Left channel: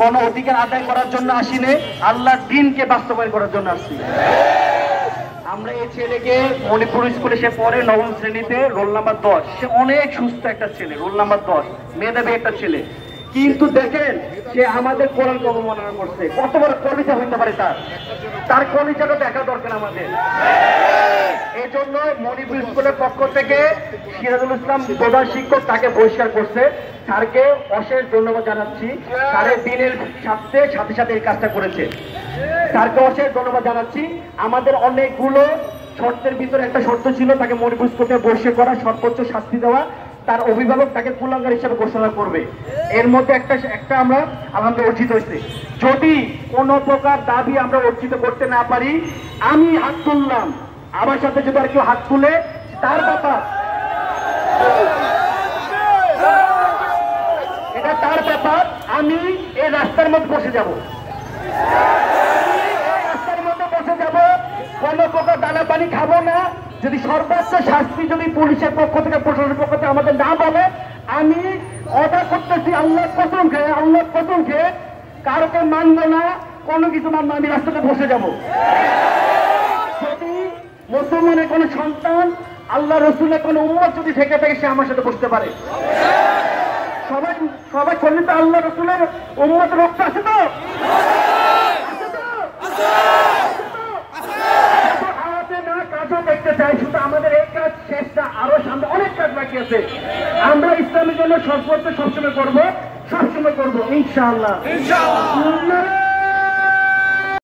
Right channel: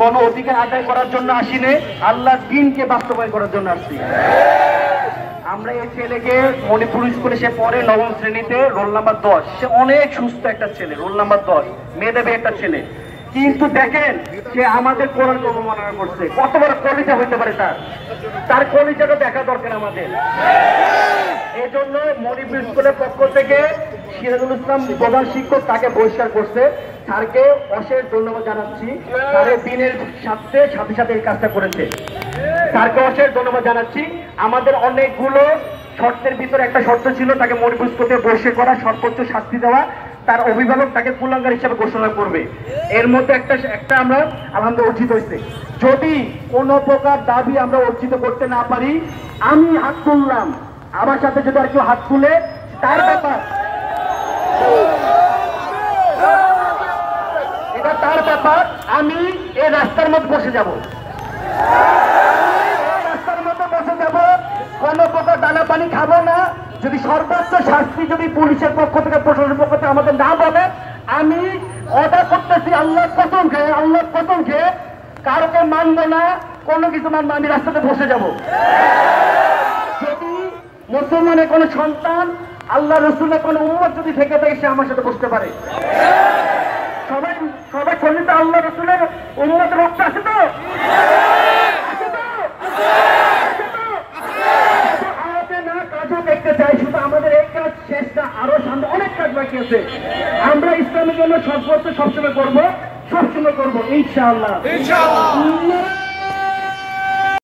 কোন অধিকার আদায় করার জন্য আসিনি, আল্লাহর দ্বীনকে বাস্তবায়ন করার জন্য আসছি। আমরা এই ছেলেকে মণিপুর স্কুলে সে পড়ে 9ম শ্রেণীতে, রোল নাম্বার 10। সে অনেক সুস্থ একটা ছেলে, রোল নাম্বার 10, মেধাবী একটা ছেলে। কিন্তু দেখেন সে আমাদের কোরআনকে অবমাননা করছে। কত বড় কলিজা হইতে পারে তার কলিজাটা দেখা দরকার আমাদের। এই জন্য মণিপুর স্কুলের পক্ষ থেকে সিরাজুল ইসলাম প্রধান শিক্ষক তাকে বহিষ্কার করছে। স্যারকে অশেষ ধন্যবাদ জানাচ্ছি। স্যারের দিনের সাথে সাথে এই কাজটা করেছে। স্যারকে অশেষ ধন্যবাদ জানাচ্ছি। আমাদের অনেকগুলো শর্তের ভিতরে একটা শর্ত ছিল, তাকে মণিপুর স্কুল থেকে বহিষ্কার করা, সর্বোচ্চ শাস্তি দেওয়া, তার অভিভাবক তাকে কুলাঙ্গার হিসেবে ঘোষণা করবে। এর মধ্যে একটা আমরা আলহামদুলিল্লাহ অর্জিত হয়েছে। যদি কোনো প্রকার দাবি আমরা অর্জিত করতে না পারি, আমি হাত তুললাম, আমার সাথে যদি আর কেউ হাত তুলে তার ব্যাপার, এটা তার ব্যাপার। আমি এই রাস্তার মধ্যে বসে যাব, রাস্তার মধ্যে বসে যাব, কোনো প্রকার দানা পানি খাবো না। যদি সর্বোচ্চ শাস্তি যদি পুলিশের পক্ষ থেকে, প্রশাসনের পক্ষ থেকে আমাদের না বলে, আমি অর্ডার করতেছি আল্লাহর কসম খেয়ে কারকে মানবো না, কোনো কিছু মানবো, আমি রাস্তাতে বসে যাব। যদি মুসলমানের কোনো সন্তান, আল্লাহ রসুলের কোনো উম্মত যদি থেকে থাকে, সে আমার সাথে বসতে পারে। সবাই খন্ডিত আল্লাহ রসুলের উম্মতের রক্ত আছে তো? কাজও দেখতে চাই, শুধু আমাদের এই কাজ শেষ না, আরো সামনে অনেক কাজ বাকি আছে। আমরা ইসলামের জন্য সর্বোচ্চ সবসময় করবো ইনশাআল্লাহ।